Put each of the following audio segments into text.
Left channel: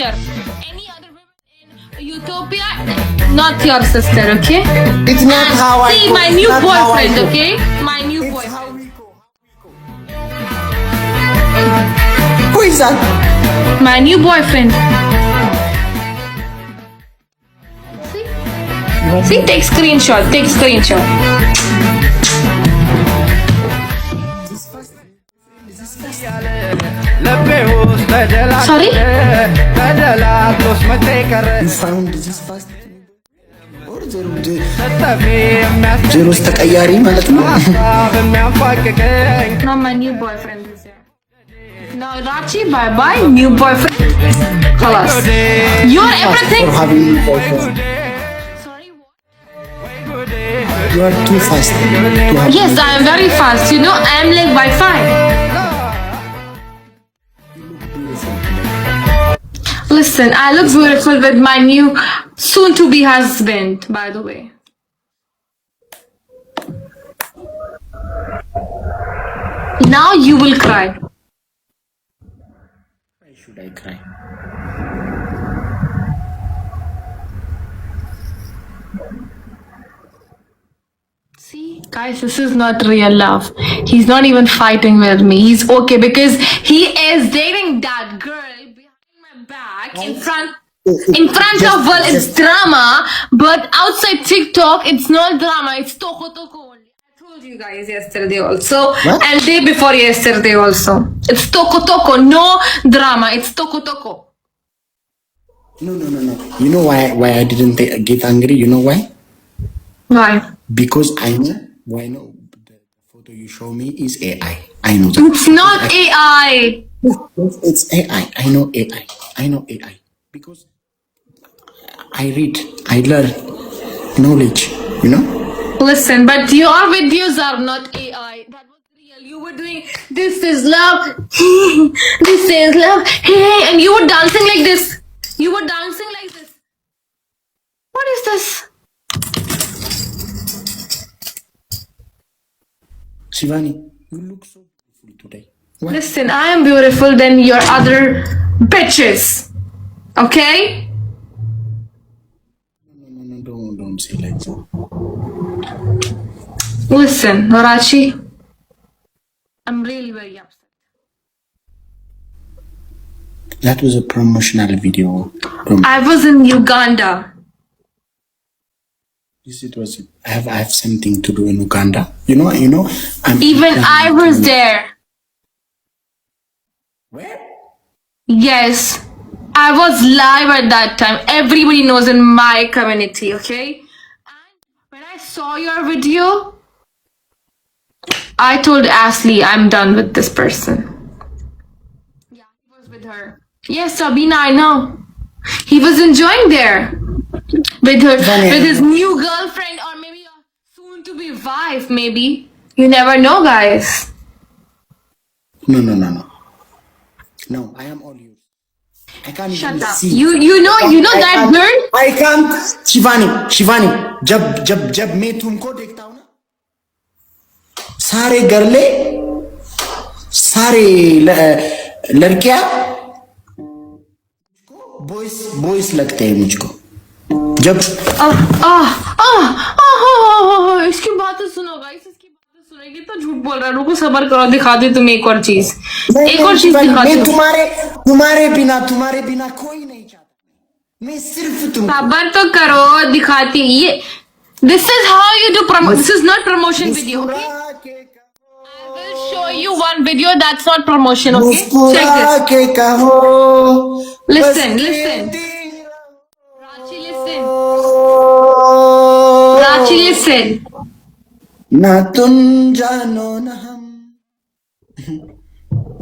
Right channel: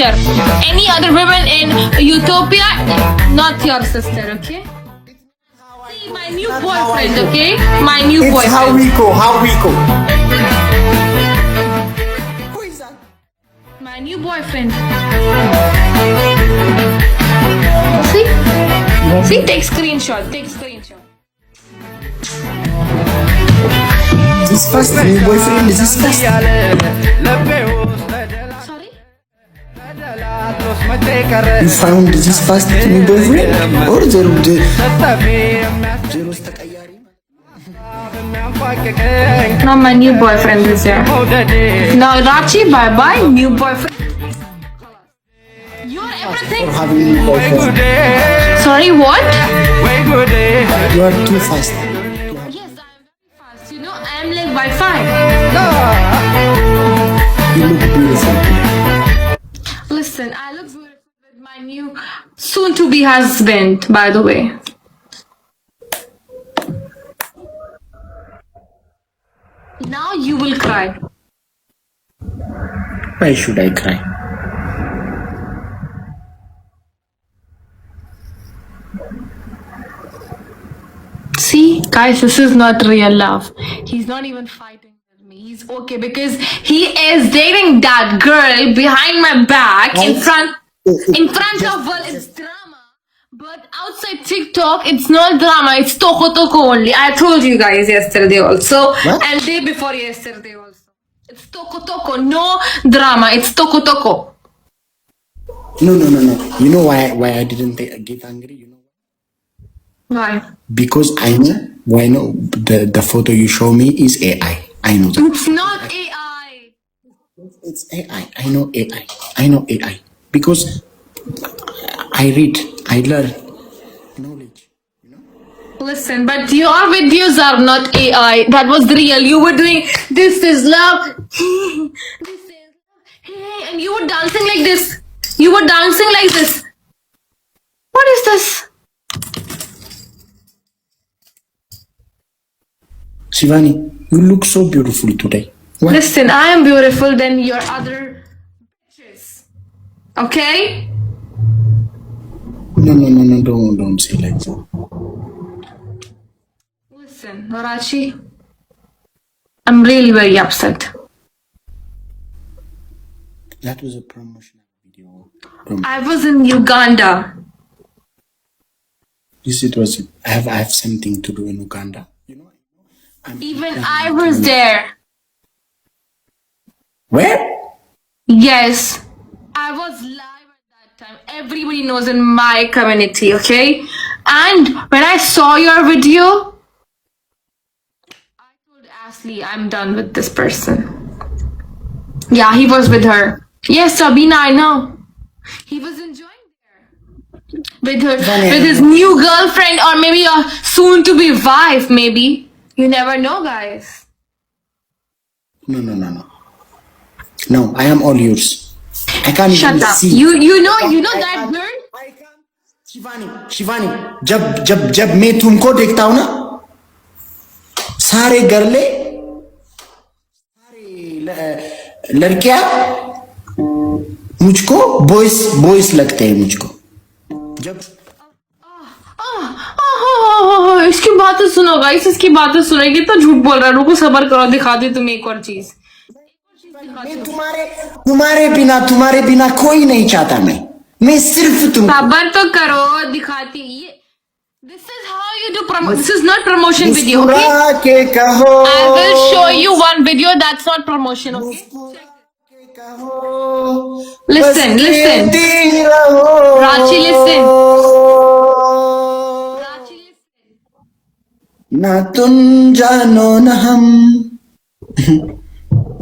sister. Any other women in Utopia, not your sister, okay? It's not how I See, go. my It's new not how I boyfriend, go. okay? My new It's boyfriend. how we go. Who is that? My new boyfriend. See? See, take screenshot. This first new boyfriend is this first. Sorry? You found this first new boyfriend? Or zero ተቀያሪ ማለት ነው? No, my new boyfriend is here. No, Rachee, bye-bye. New boyfriend. Khalas. You're everything. For having new boyfriend. Sorry, what? You are too fast. Yes, I am very fast. You know, I am like Wi-Fi. You look beautiful today. Listen, I look beautiful with my new soon-to-be husband, by the way. Now you will cry. Why should I cry? See, guys, this is not real love. He's not even fighting with me. He's okay because he is dating that girl behind my back in front of well, it's drama, but outside TikTok, it's not drama. It's toko only. I told you guys yesterday also, What? and day before yesterday also. It's toko, no drama. It's toko. No. You know why I didn't get angry? You know why? Why? Because I know the photo you show me is AI. I know that. It's not AI. It's AI. I know AI. Because I read, I learn knowledge, you know? Listen, but your videos are not AI. That was real. You were doing this is love, this is love, hey, and you were dancing like this. What is this? Shiivanii, you look so beautiful today. What? Listen, I am beautiful than your other bitches. Okay? No, don't say like that. Listen, Rachee, I'm really very upset. That was a promotional video. I was in Uganda. Yes, it was. I have something to do in Uganda. You know. Even I was there. Where? Yes, I was live at that time. Everybody knows in my community, okay? And when I saw your video, I told Ashley, I'm done with this person. Yeah, he was with her. Yes, Sabina, I know. He was enjoying there with his new girlfriend or maybe a soon-to-be wife, maybe. You never know, guys. No. No, I am all yours. I can't Shut even up. see. You know that girl? I can't. Shiivanii, जब मैं तुमको देखता हूँ ना, सारे गर्ले, सारे लड़कियाँ मुझको बॉयज लगते हैं मुझको. जब इसकी बातें सुनो गाइस, इसकी बातें सुनो. कितना झूठ बोल रहा है. रुको, सबर करो, दिखा दे तुम्हें एक और चीज दिखा मैं दे. तुम्हारे बिना कोई नहीं चाहता. मैं सिर्फ तुम. सबर तो करो, दिखाती. ये this is how you do promotion. This is not promotion video, okay? के कहो, I will show you one video that's not promotion, okay? Check this. के कहो, Listen. Rachee, listen. ना तुम जानो ना हम.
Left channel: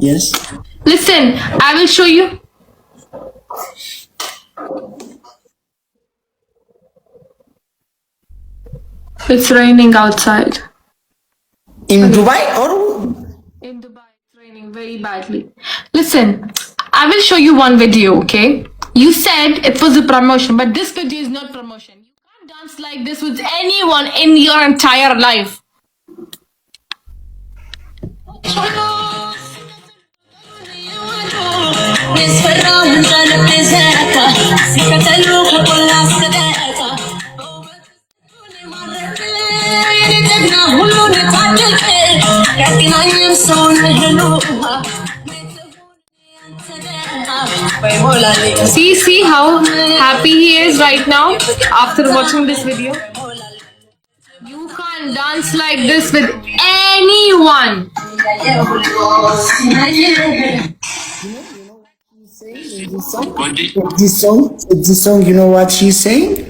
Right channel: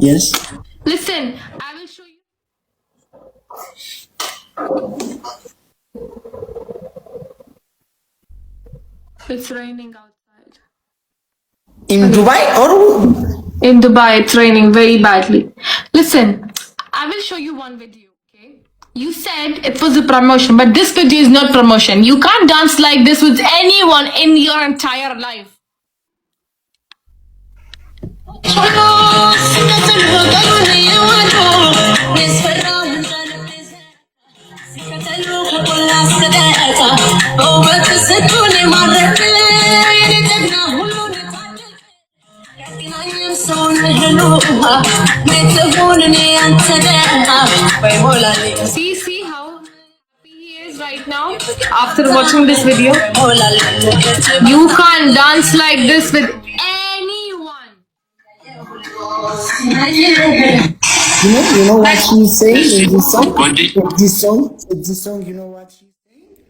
Yes. Listen, I will show you. It's raining outside. In Dubai or? In Dubai, it's raining very badly. Listen, I will show you one video, okay? You said it was a promotion, but this video is not promotion. You can't dance like this with anyone in your entire life. See how happy he is right now after watching this video. You can't dance like this with anyone. You know what she's saying in this song? This song, you know what she's saying?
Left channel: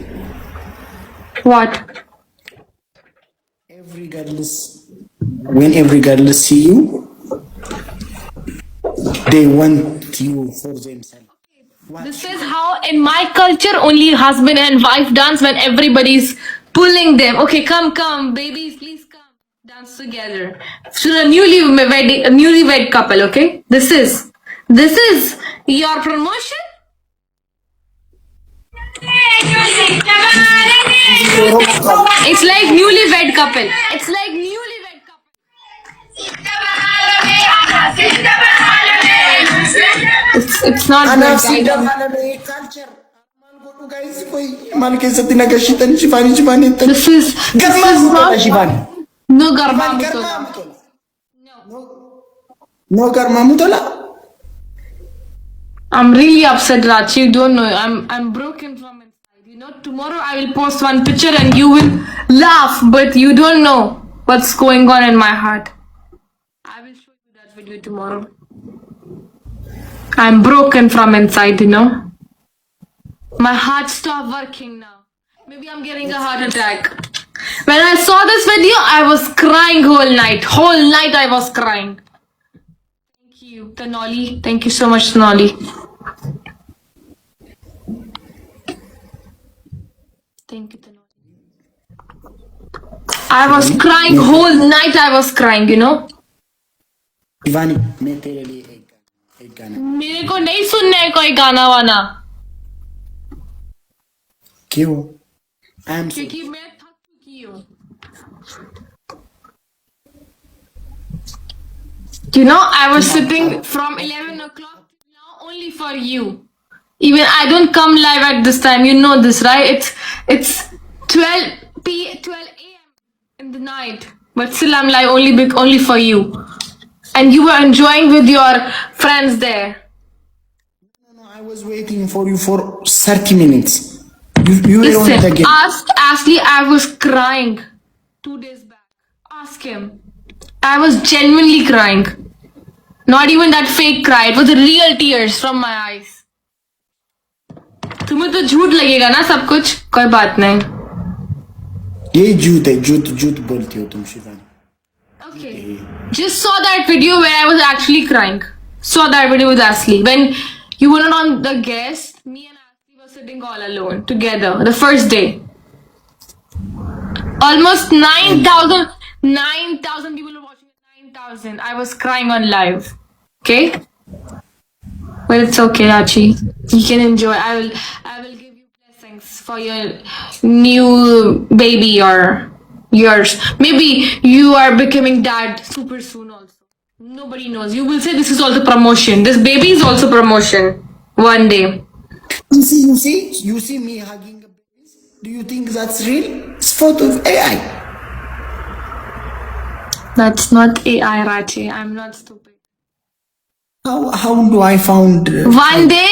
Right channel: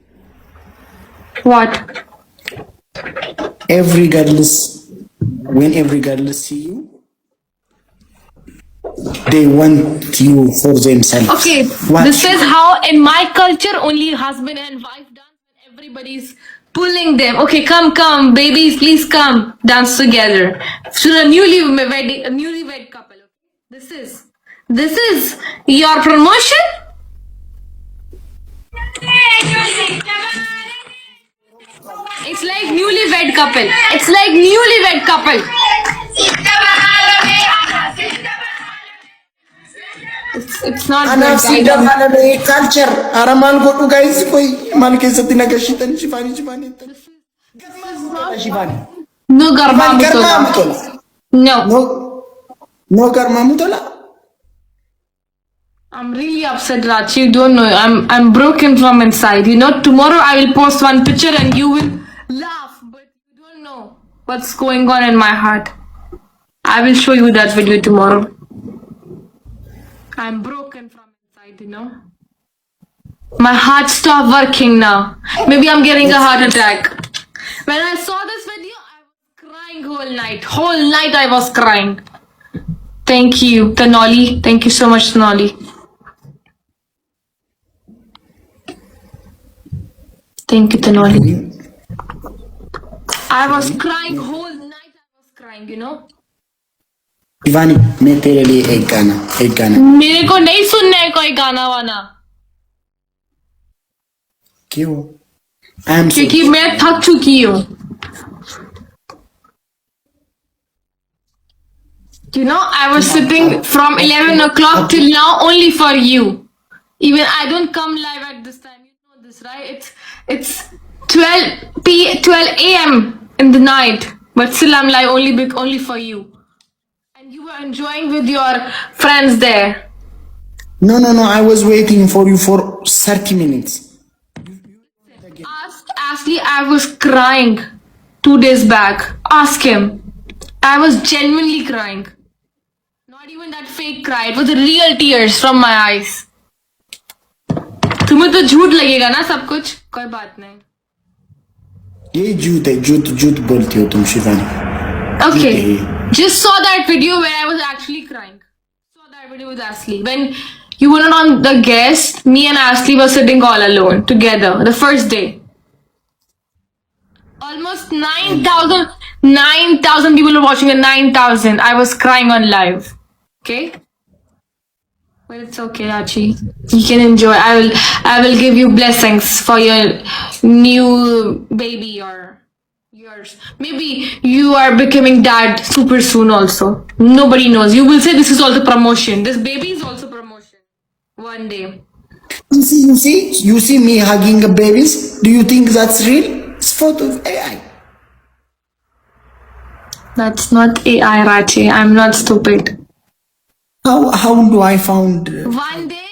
What? When every girl see you, they want you for themselves. Okay, this is how in my culture only husband and wife dance when everybody's pulling them. Okay, come, babies, please come, dance together. So a newlywed couple. Okay, this is your promotion. It's like newlywed couple. It's like newlywed couple. It's not Anaaf si good. Jalalee culture. Aramaan godhu guys koi mal keessatti nagashitan Shiivanii. This is Garmaa Shiivanii. no garba Garmaa mutola. mutola. No garmaa mutola. I'm really upset, Rachee. You don't know. I'm broken from inside. You know, tomorrow I will post one picture and you will laugh, but you don't know what's going on in my heart. I will show you that video tomorrow. I'm broken from inside, you know. My heart stopped working now. Maybe I'm getting a heart attack. When I saw this video, I was crying whole night. Whole night I was crying. Thank you, Tanoli. Thank you so much, Tanoli. Thank you, Tanoli. I was crying whole night. I was crying, you know. Shiivanii, मैं तेरे लिए एक गाना. मेरे को नहीं सुनना है कोई गाना वाना. क्यों? क्योंकि मैं थक चुकी हूँ. You know, I was sitting from 11 o'clock till now only for you. Even I don't come live at this time. You know this, right? It's 12 a.m. in the night, but still I'm live only for you. And you were enjoying with your friends there. No. I was waiting for you for 30 minutes. You were on the Listen, game. ask Ashley. I was crying 2 days back. Ask him. I was genuinely crying. Not even that fake cry. It was real tears from my eyes. तुम्हें तो झूठ लगेगा ना सब कुछ. कोई बात नहीं. ये झूठ है. झूठ बोलती हो तुम Shivani. Okay. Just saw that video where I was actually crying. Saw that video with Ashley. When you were not on the guest, me and Ashley were sitting all alone together the first day. Almost 9,000 people were watching at 9,000. I was crying on live. Okay? But it's okay, Rachee. You can enjoy. I will give you blessings for your new baby or yours. Maybe you are becoming dad super soon also. Nobody knows. You will say this is also promotion. This baby is also promotion. One day. You see me hugging babies? Do you think that's real? It's photo of AI. That's not AI, Rachee. I'm not stupid. How do I found? One day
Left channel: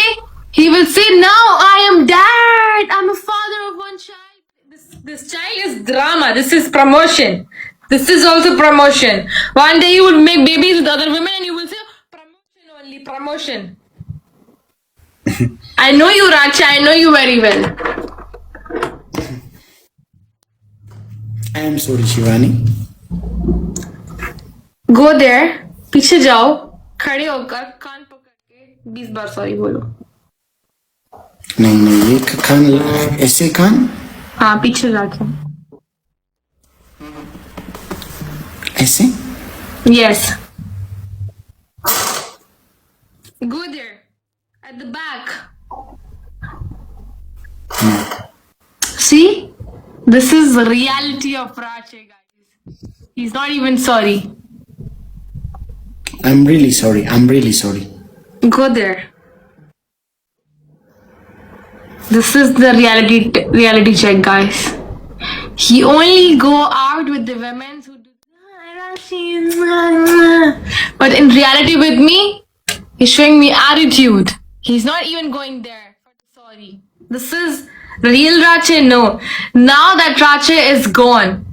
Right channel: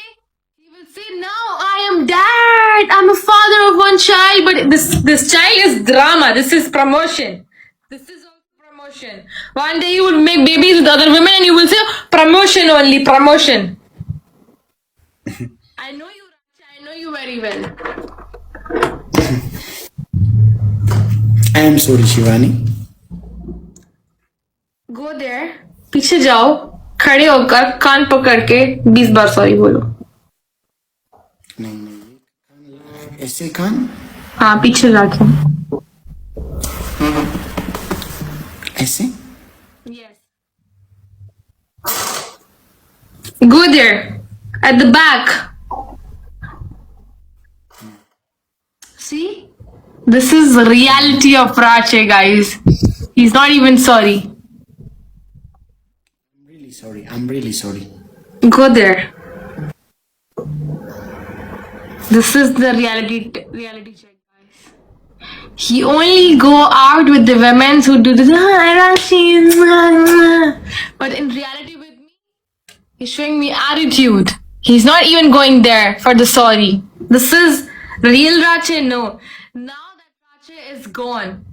he will say, "Now I am dad. I'm a father of one child." But this child is drama. This is promotion. This is also promotion. One day you will make babies with other women and you will say promotion only, promotion. I know you, Rachee. I know you very well. I am sorry, Shiivanii. Go there. पीछे जाओ. खड़े होकर कान पकड़ के 20 बार sorry बोलो. नहीं ये कान ऐसे कान. हाँ पीछे जाके. ऐसे. Yes. Go there. At the back. See? This is the reality of Rachee, guys. He's not even sorry. I'm really sorry. Go there. This is the reality check, guys. He only go out with the women who do this. But in reality, with me, he's showing me attitude. He's not even going there for the sorry. This is real Rachee. No. Now that Rachee is gone.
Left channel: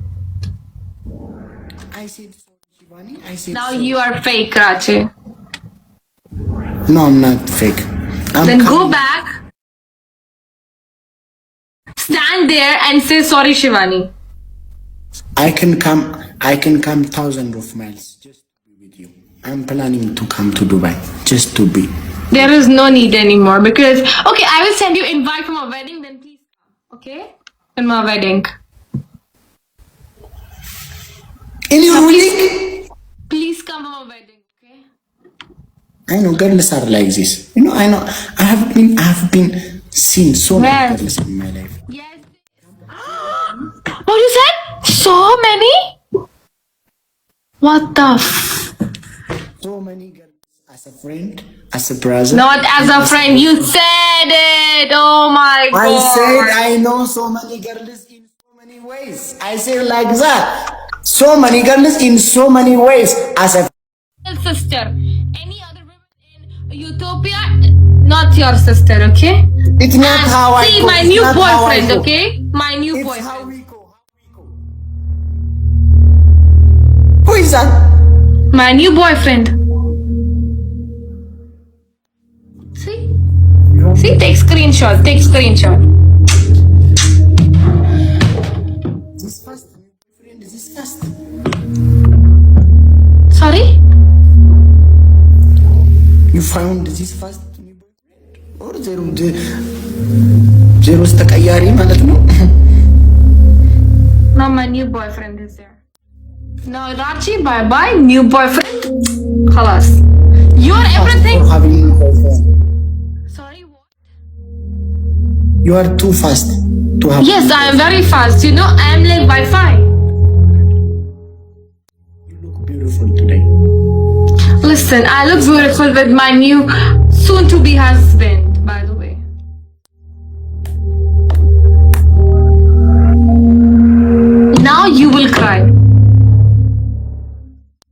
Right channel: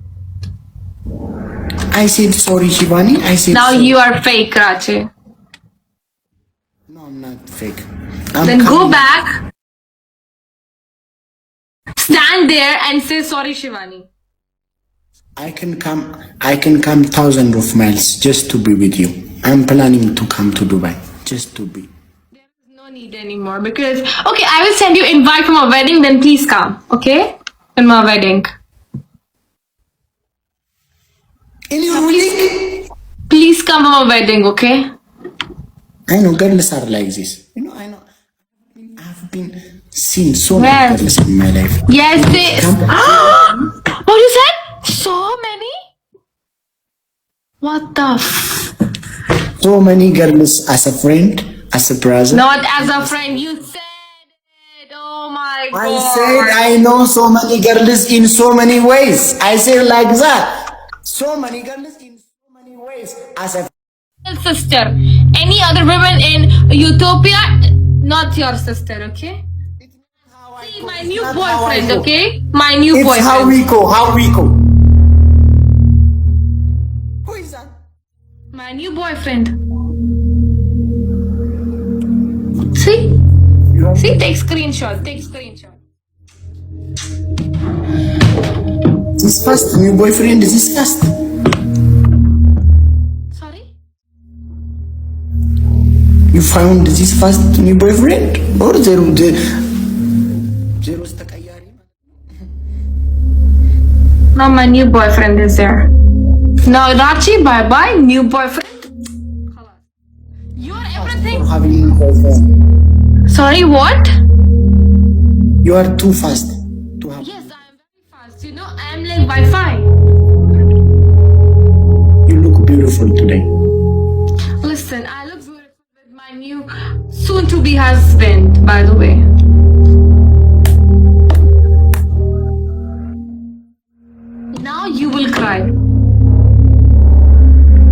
I said sorry, Shiivanii. I said Now sorry. you are fake, Rachee. No, I'm not fake. Then go back. Stand there and say sorry, Shiivanii. I can come thousands of miles just to be with you. I'm planning to come to Dubai just to be. There is no need anymore because okay, I will send you invite for my wedding. Then please come, okay? In my wedding. In your wedding? Please come to my wedding, okay? I know girls are like this. You know, I know. I have been seen so many girls in my life. Yes, this. What you said? So many? What the? So many girls as a friend, as a brother. Not as a friend. You said it. Oh my god. I said I know so many girls in so many ways. I said like that. So many girls in so many ways as a sister. Any other women in Utopia, not your sister, okay? It's not how I see go. my It's new not how I boyfriend, go. okay? My new It's boyfriend. how we go. How we go. Who is that? My new boyfriend. See? See, take screenshot. Take screenshot. This first new boyfriend is this first. Sorry? You found this first new boyfriend or zero ተቀያሪ ማለት ነው? Now my new boyfriend is there. Now Rachee, bye bye. New boyfriend. Khalas. You are everything. For having new boyfriend. Sorry, what? You are too fast to have. Yes, I am very fast. You know, I am like Wi-Fi. You look beautiful today. Listen, I look beautiful with my new soon-to-be husband, by the way. Now you will cry.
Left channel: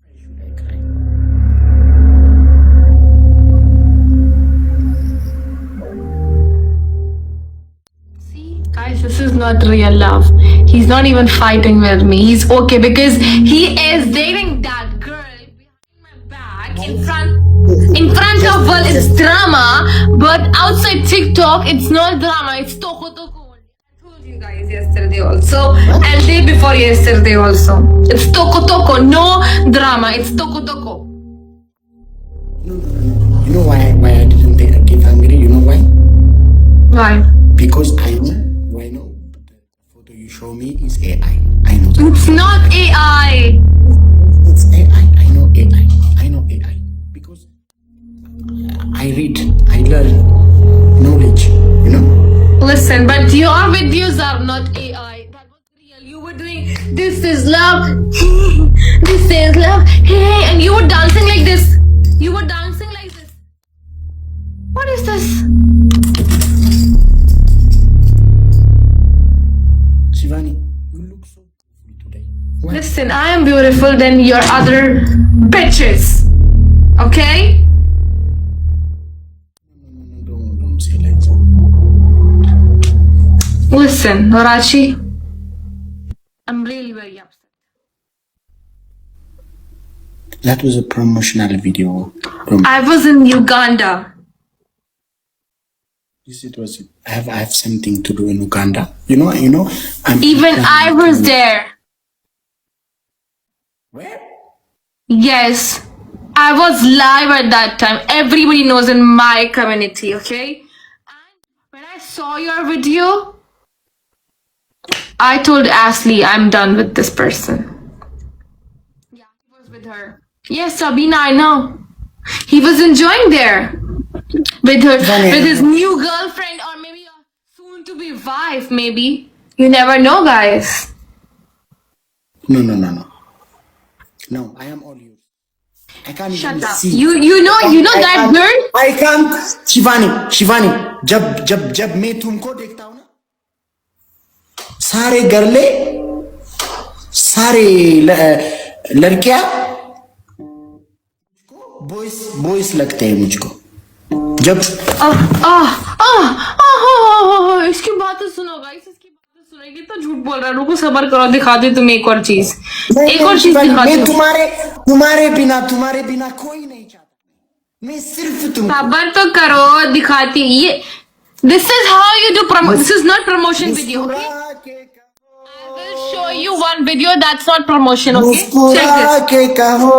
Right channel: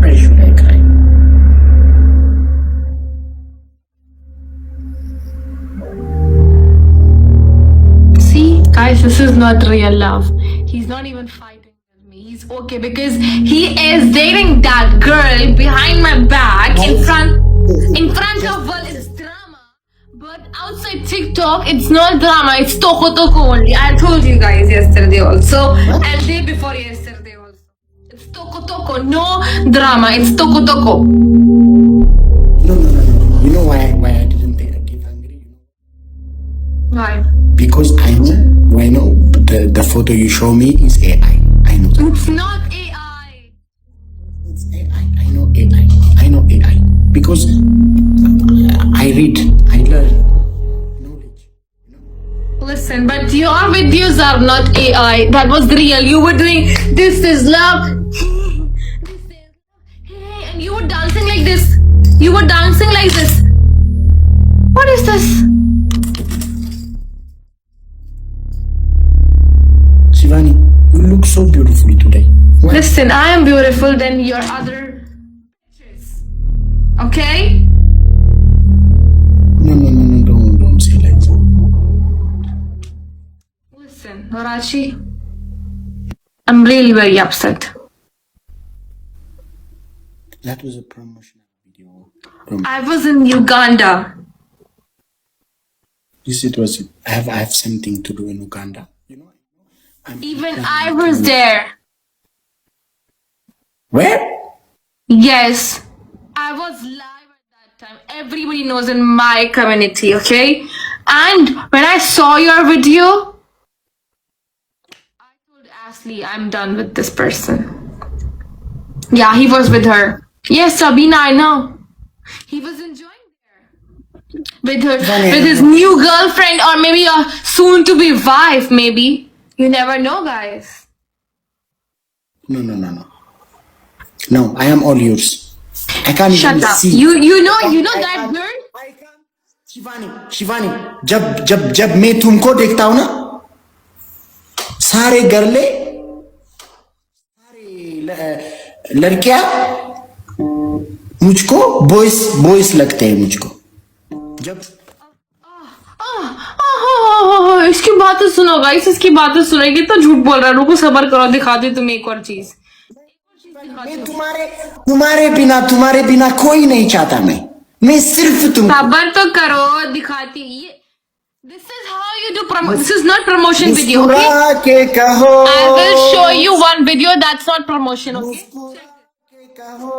Why should I cry? See, guys, this is not real love. He's not even fighting with me. He's okay because he is dating that girl behind my back in front of well, it's drama, but outside TikTok, it's not drama. It's toko only. I told you guys yesterday also, and day before yesterday also. It's toko, no drama. It's toko. No. You know why I didn't get angry? You know why? Why? Because I know the photo you show me is AI. I know that. It's not AI. It's AI. I know AI. Because I read, I learn knowledge, you know? Listen, but your videos are not AI. That was real. You were doing this is love, this is love, hey, and you were dancing like this. What is this? Shiivanii, you look so beautiful today. Why? Listen, I am beautiful than your other bitches. Okay? No, don't say like that. Listen, Rachee, I'm really very upset. That was a promotional video. I was in Uganda. Yes, it was. I have something to do in Uganda. You know. Even I was there. Where? Yes. I was live at that time. Everybody knows in my community, okay? And when I saw your video, I told Ashley I'm done with this person. Yeah, he was with her. Yes, Sabina, I know. He was enjoying there with his new girlfriend or maybe a soon-to-be wife, maybe. You never know, guys. No. No, I am all yours. I can't Shut even up. see. You know I that can't- girl? I can't. Shivani जब मैं तुमको देखता हूँ ना, सारे गर्ले, सारे लड़कियां मुझको बॉयज लगते हैं मुझको। जब इसकी बातें सुनो गाइस, इसकी बातें सुनो। ये तो झूठ बोल रहा है। रुको सबर करो, दिखा दे तुम्हें एक और चीज। एक और चीज दिखा मैं दे। तुम्हारे बिना कोई नहीं चाहता। मैं सिर्फ तुम। सबर तो करो, दिखाती ये। This is how you do promo. This is not promotion video, okay? के कहो, I will show you one video that's not promotion, okay? Check this. के कहो,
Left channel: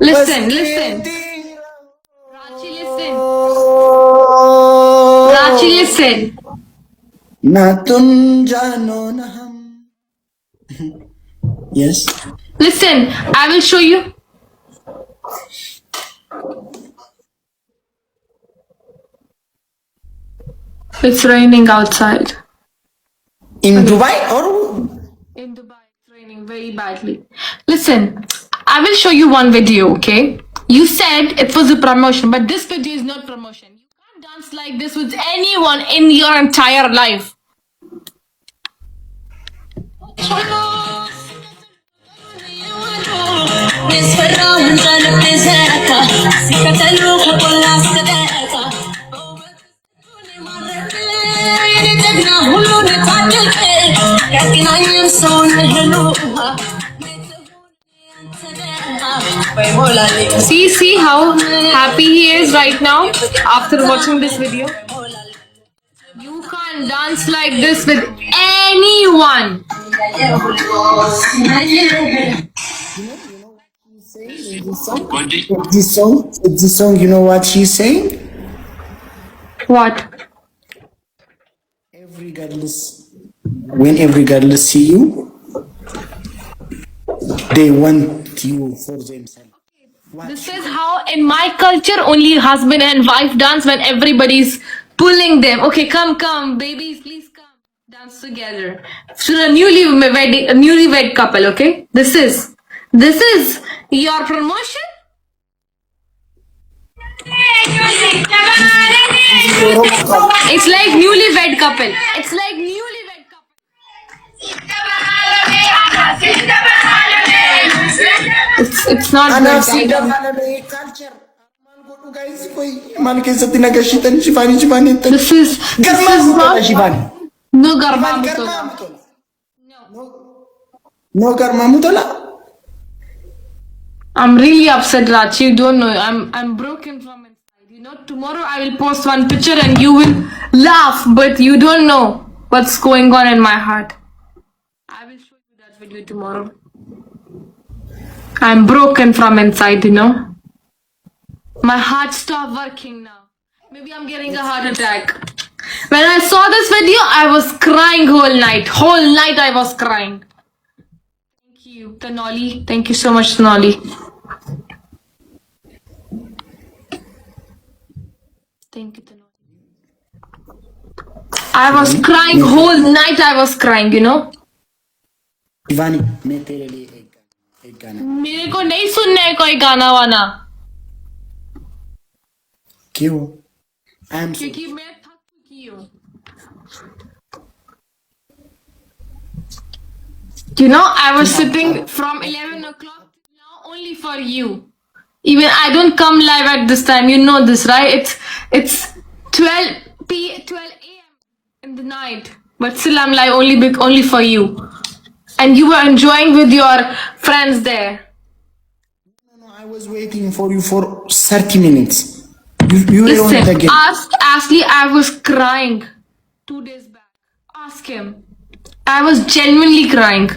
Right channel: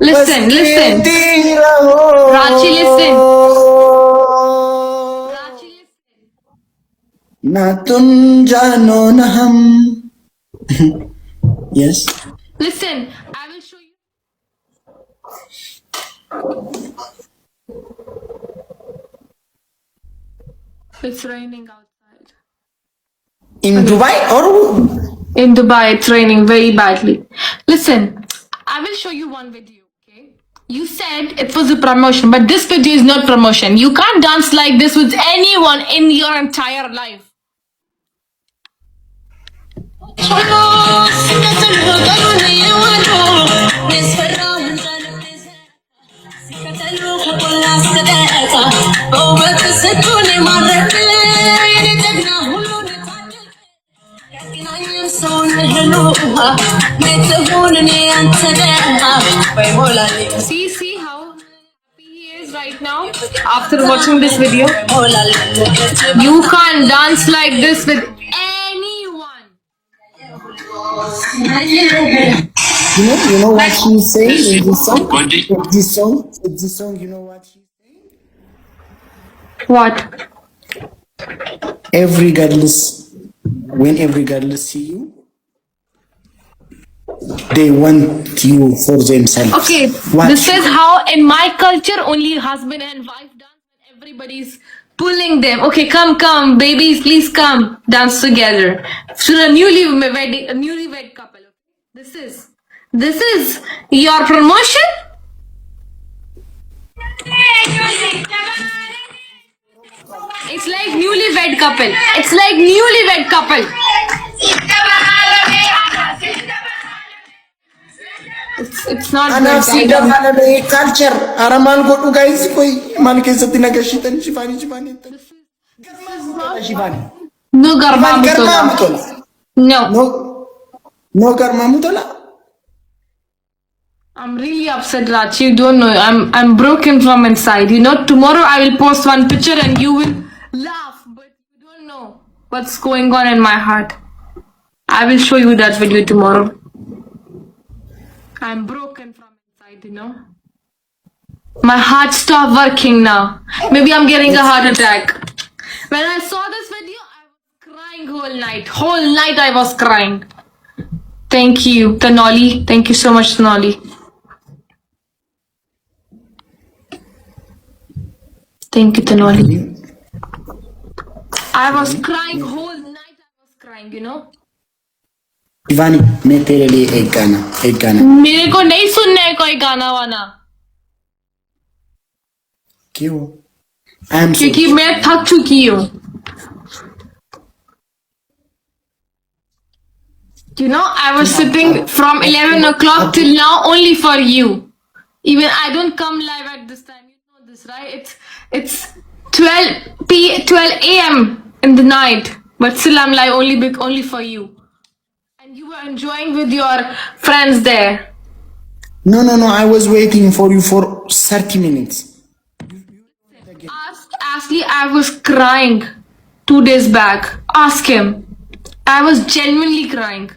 Listen, बस listen. कहती रहो। Rachee, listen. Rachee, listen. ना तुम जानो ना हम। Yes. Listen, I will show you. It's raining outside. In Dubai or In Dubai, it's raining very badly. Listen, I will show you one video, okay? You said it was a promotion, but this video is not promotion. You can't dance like this with anyone in your entire life. See how happy he is right now after watching this video. You can't dance like this with anyone. you know what she's saying in this song? This song, you know what she's saying? What? When every girl see you, they want you for themselves. Okay, Watch. this is how in my culture only husband and wife dance when everybody's pulling them. Okay, come, babies, please come, dance together. So a newlywed couple. Okay, this is your promotion. It's like newlywed couple. It's like newlywed couple. It's not Anaaf si good. dabalame culture. Aramaan godhu guys koi man keessatti nagashitan Shiivanii tan. This is Garmaa Shiivanii. no garba Garmaa mutola. mutola. No. No garmaa mutola. I'm really upset, Rachee. You don't know. I'm broken from inside. You know, tomorrow I will post one picture and you will laugh, but you don't know what's going on in my heart. I will show you that video tomorrow. I'm broken from inside, you know. My heart stopped working now. Maybe I'm getting a heart attack. When I saw this video, I was crying whole night. Whole night I was crying. Thank you, Tanoli. Thank you so much, Tanoli. Thank you, Tanoli. I was crying whole night. I was crying, you know. Shiivanii, मैं तेरे लिए एक गाना मेरे को नहीं सुनना है कोई गाना वाना, क्यों? I am so क्योंकि मैं थक चुकी हूँ. You know, I was sitting from 11 o'clock till now only for you. Even I don't come live at this time. You know this, right? It's 12 a.m. in the night, but still I'm live only for you. And you were enjoying with your friends there. No, I was waiting for you for 30 minutes. You were on the Listen, game. ask Ashley. I was crying 2 days back. Ask him. I was genuinely crying.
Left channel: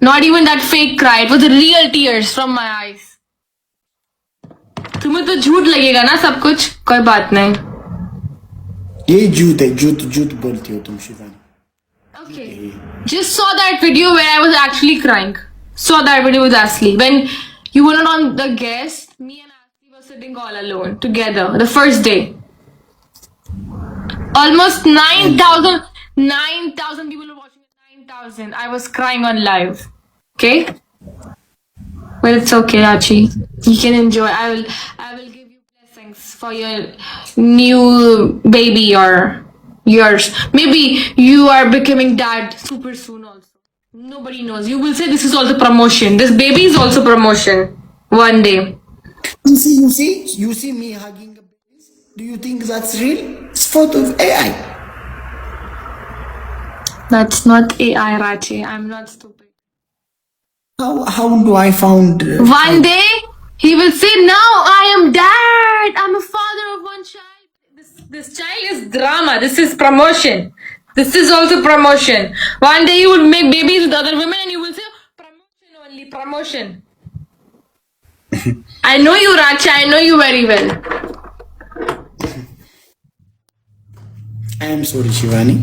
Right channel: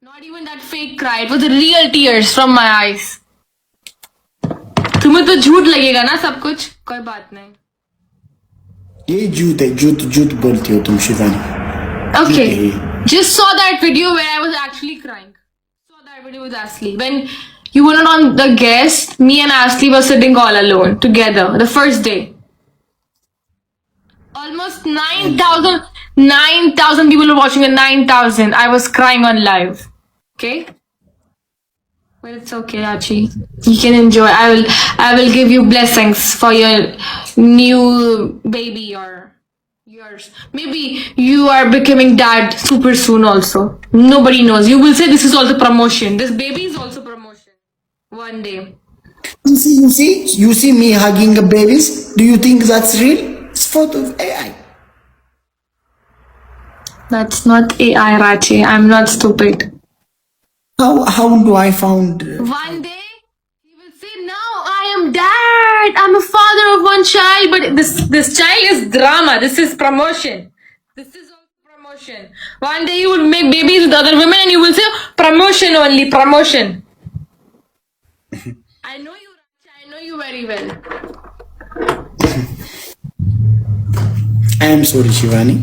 Not even that fake cry. It was the real tears from my eyes. तुम्हें तो झूठ लगेगा ना सब कुछ, कोई बात नहीं. ये झूठ है, झूठ बोलती हो तुम Shivani. Okay, just saw that video where I was actually crying. Saw that video with Ashley. When you were not on the guest, me and Ashley were sitting all alone together the first day. Almost 9,000 people were watching at 9,000. I was crying on live. Okay? Well, it's okay, Rachee. You can enjoy. I will give you blessings for your new baby or yours. Maybe you are becoming dad super soon also. Nobody knows. You will say this is also promotion. This baby is also promotion. One day. You see me hugging babies. Do you think that's real? It's photo of AI. That's not AI, Rachee. I'm not stupid. How do I found? One day he will say, "Now I am dad. I'm a father of one child." But this child is drama. This is promotion. This is also promotion. One day you will make babies with other women and you will say promotion only, promotion. I know you, Rachee. I know you very well. I am sorry, Shiivanii.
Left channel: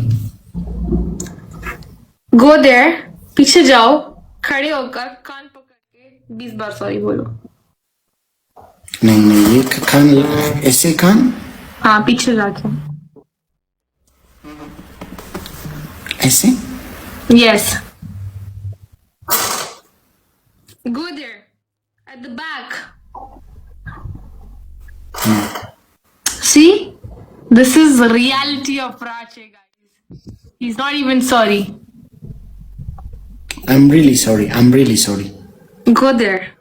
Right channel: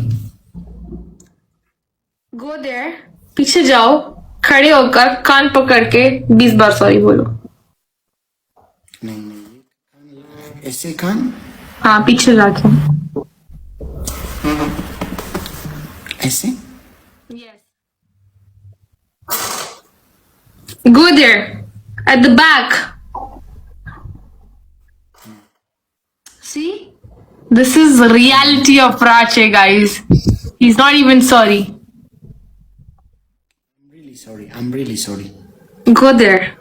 Go there. पीछे जाओ. खड़े होकर कान पकड़ के 20 बार sorry बोलो. नहीं ये कान ऐसे कान. हाँ पीछे जाके. ऐसे. Yes. Go there. At the back. See? This is the reality of Rachee, guys. He's not even sorry. I'm really sorry. I'm really sorry. Go there.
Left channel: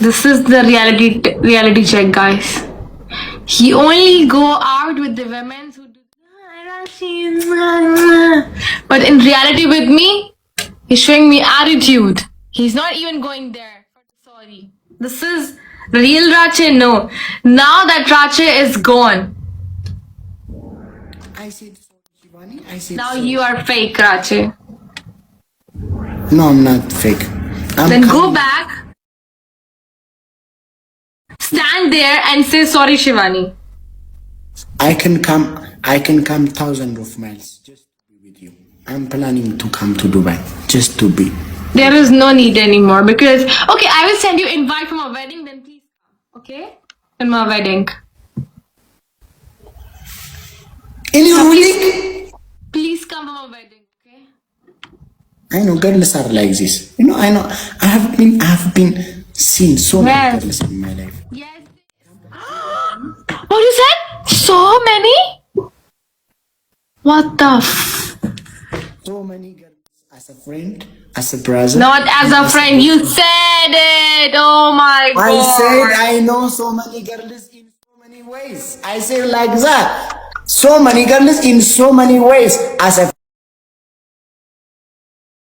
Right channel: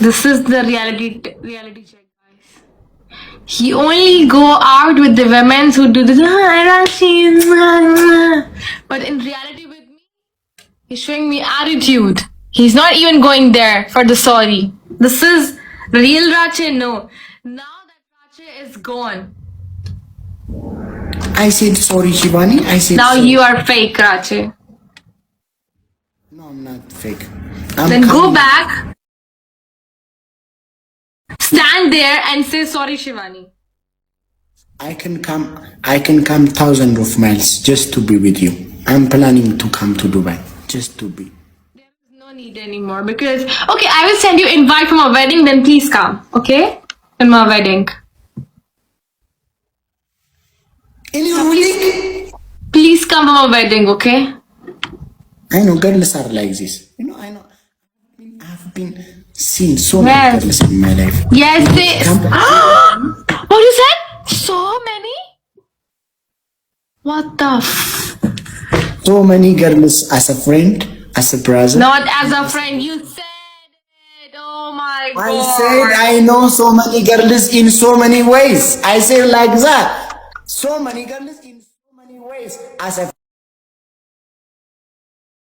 This is the reality check, guys. He only go out with the women who do this. But in reality with me, he's showing me attitude. He's not even going there for the sorry. This is real Rachee. No. Now that Rachee is gone. I said sorry, Shiivanii. I said Now sorry. you are fake, Rachee. No, I'm not fake. Then go back. Stand there and say sorry, Shiivanii. I can come thousands of miles just to be with you. I'm planning to come to Dubai just to be. There is no need anymore because okay, I will send you invite for my wedding. Then please come, okay? In my wedding. In your wedding? Please come for my wedding, okay? I know girls are like this. You know, I know. I have been seen so many girls in my life. Yes, they. What you said? So many? What the? So many girls as a friend, as a brother. Not as a friend. You said it. Oh my god. I said I know so many girls in so many ways. I said like that. So many girls in so many ways as a